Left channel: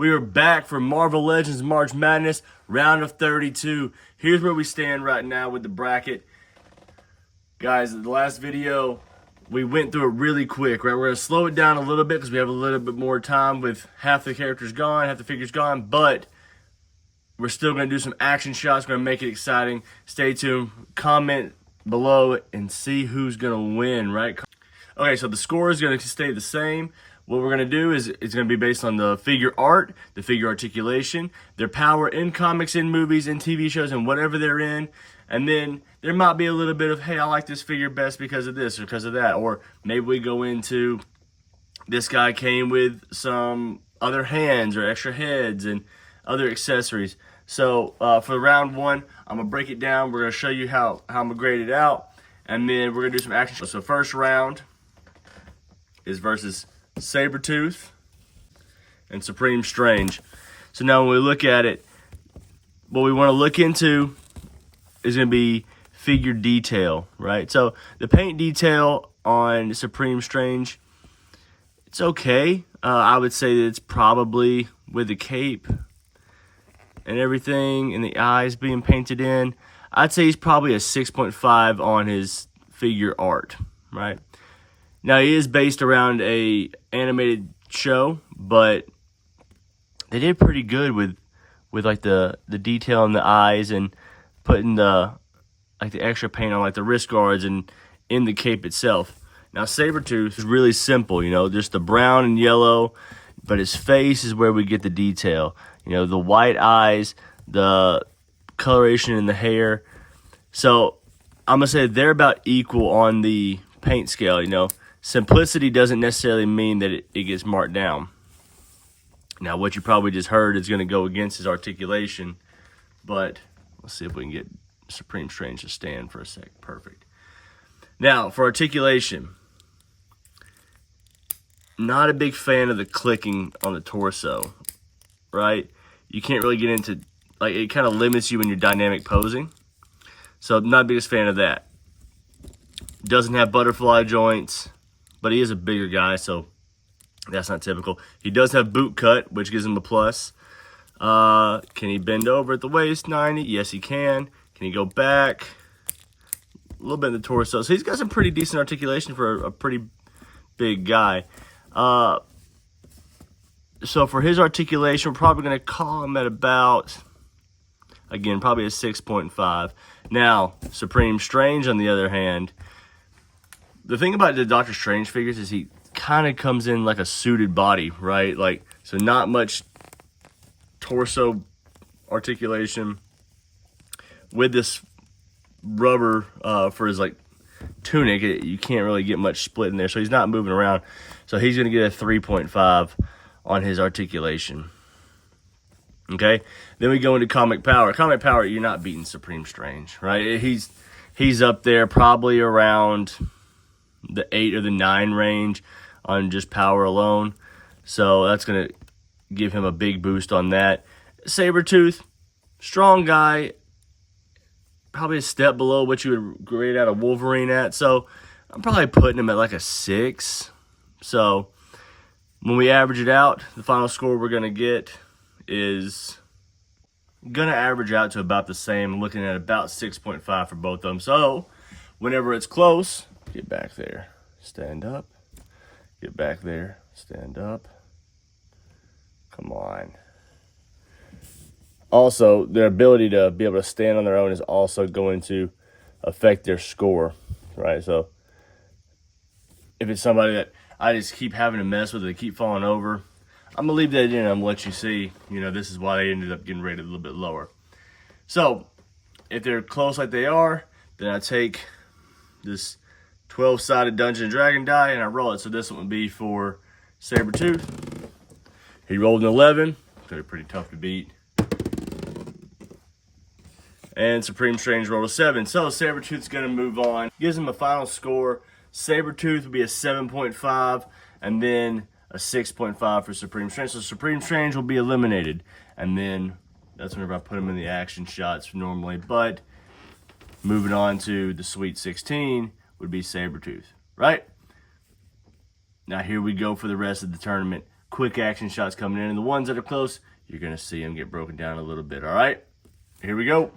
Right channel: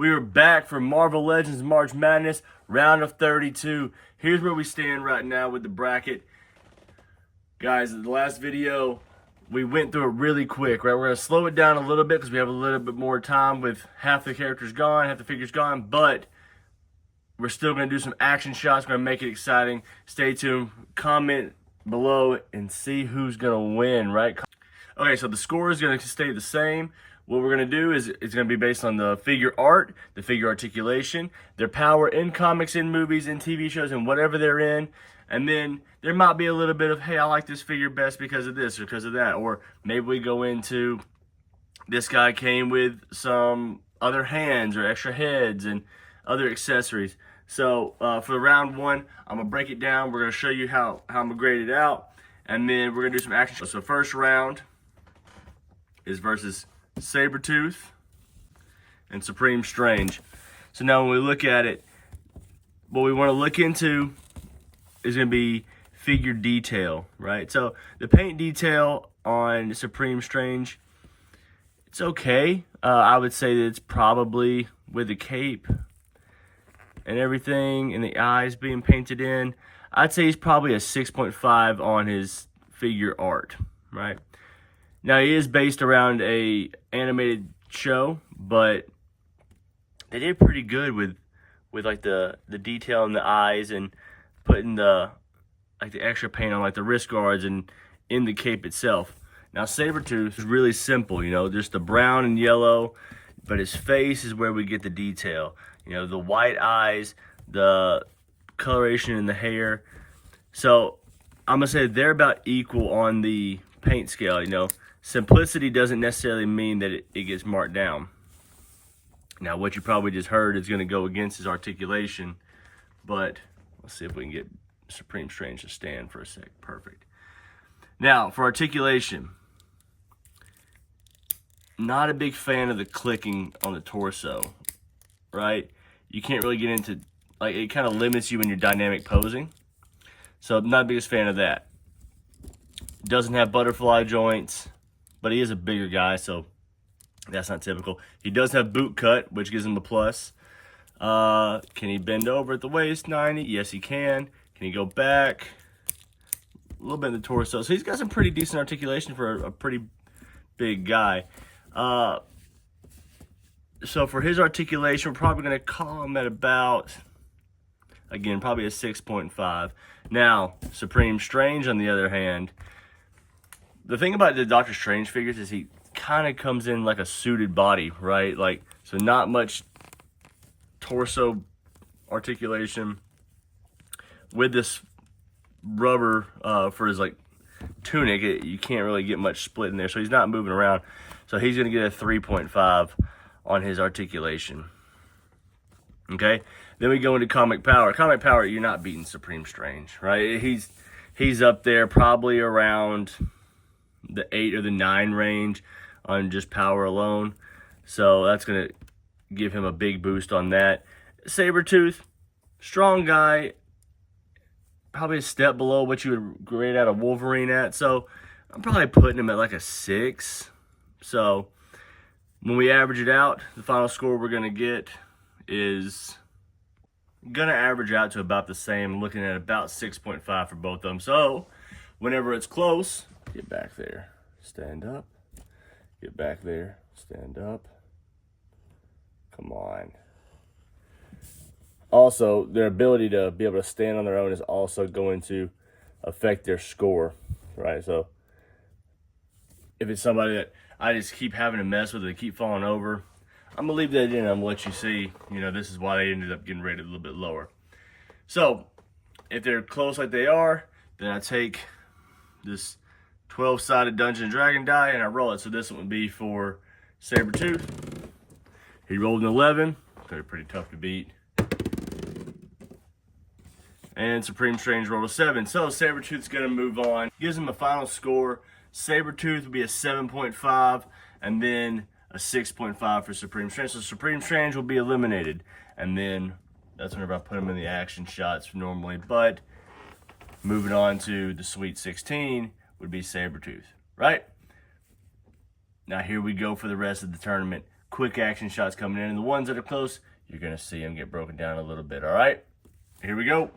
We are back for Marvel Legends March Madness, round of 32. Here's where we stand right now with the bracket. Guys, in the last video, we went through it really quick, right? We're going to slow it down a little bit because we have a little bit more time with half the characters gone, half the figures gone, but we're still going to do some action shots. We're going to make it exciting. Stay tuned. Comment below and see who's going to win, right? Okay, so the score is going to stay the same. What we're going to do is it's going to be based on the figure art, the figure articulation, their power in comics, in movies, in TV shows, and whatever they're in. And then there might be a little bit of, hey, I like this figure best because of this or because of that. Or maybe we go into, this guy came with some other hands or extra heads and other accessories. So for round one, I'm going to break it down. We're going to show you how I'm going to grade it out. And then we're going to do some action. So first round is versus Sabretooth and Supreme Strange. So now when we look at it, what we want to look into is going to be figure detail, right? So the paint detail on Supreme Strange, it's okay. I would say that it's probably with the cape and everything and the eyes being painted in, I'd say he's probably a 6.5 on his figure art, right? Now, he is based around a animated show, but they did pretty good with like the detail in the eyes and putting the extra paint on like the wrist guards and in the cape itself. Now, Sabretooth is really simple, you know, just the brown and yellow, but his face is where we get the detail. You know, the white eyes, the coloration in the hair. So I'm going to say they're about equal on the paint scale, you know. Simplicity doesn't necessarily mean that it gets marked down. Now, what you probably just heard is going to go against his articulation, but let's see if we can get Supreme Strange to stand for a sec. Perfect. Now, for articulation, not a big fan of the clicking on the torso, right? You can't really get into, like, it kind of limits you in your dynamic posing. So, I'm not the biggest fan of that. Doesn't have butterfly joints, but he is a bigger guy, so that's not typical. He does have boot cut, which gives him a plus. Can he bend over at the waist, 90? Yes, he can. Can he go back? A little bit in the torso. So he's got some pretty decent articulation for a pretty big guy. So for his articulation, we're probably going to call him at about, again, probably a 6.5. Now, Supreme Strange, on the other hand, the thing about the Doctor Strange figures is he kind of comes in like a suited body, right? Like, so not much torso articulation with this rubber for his like tunic. You can't really get much split in there, so he's not moving around. So he's going to get a 3.5 on his articulation. Okay, then we go into comic power. Comic power, you're not beating Supreme Strange, right? He's up there probably around the 8 or the 9 range on just power alone. So that's going to give him a big boost on that. Sabretooth, strong guy, probably a step below what you would grade out a Wolverine at. So I'm probably putting him at like a 6. So when we average it out, the final score we're going to get is going to average out to about the same, looking at about 6.5 for both of them. So whenever it's close, get back there, stand up, get back there, stand up. Come on. Also, their ability to be able to stand on their own is also going to affect their score, right? So if it's somebody that I just keep having to mess with, they keep falling over, I'm going to leave that in. I'm going to let you see, you know, this is why they ended up getting rated a little bit lower. So if they're close like they are, then I take this 12-sided Dungeon & Dragon die and I roll it. So this one would be for Sabretooth. He rolled an 11. They're pretty tough to beat. And Supreme Strange rolled a 7. So Sabretooth's going to move on. Gives him a final score. Sabretooth would be a 7.5 and then a 6.5 for Supreme Strange. So Supreme Strange will be eliminated. And then that's whenever I put him in the action shots normally. But moving on to the Sweet 16 would be Sabretooth, right? Now here we go for the rest of the tournament. quick action shots coming in. And the ones that are close, you're going to see them get broken down a little bit, all right? Here we go.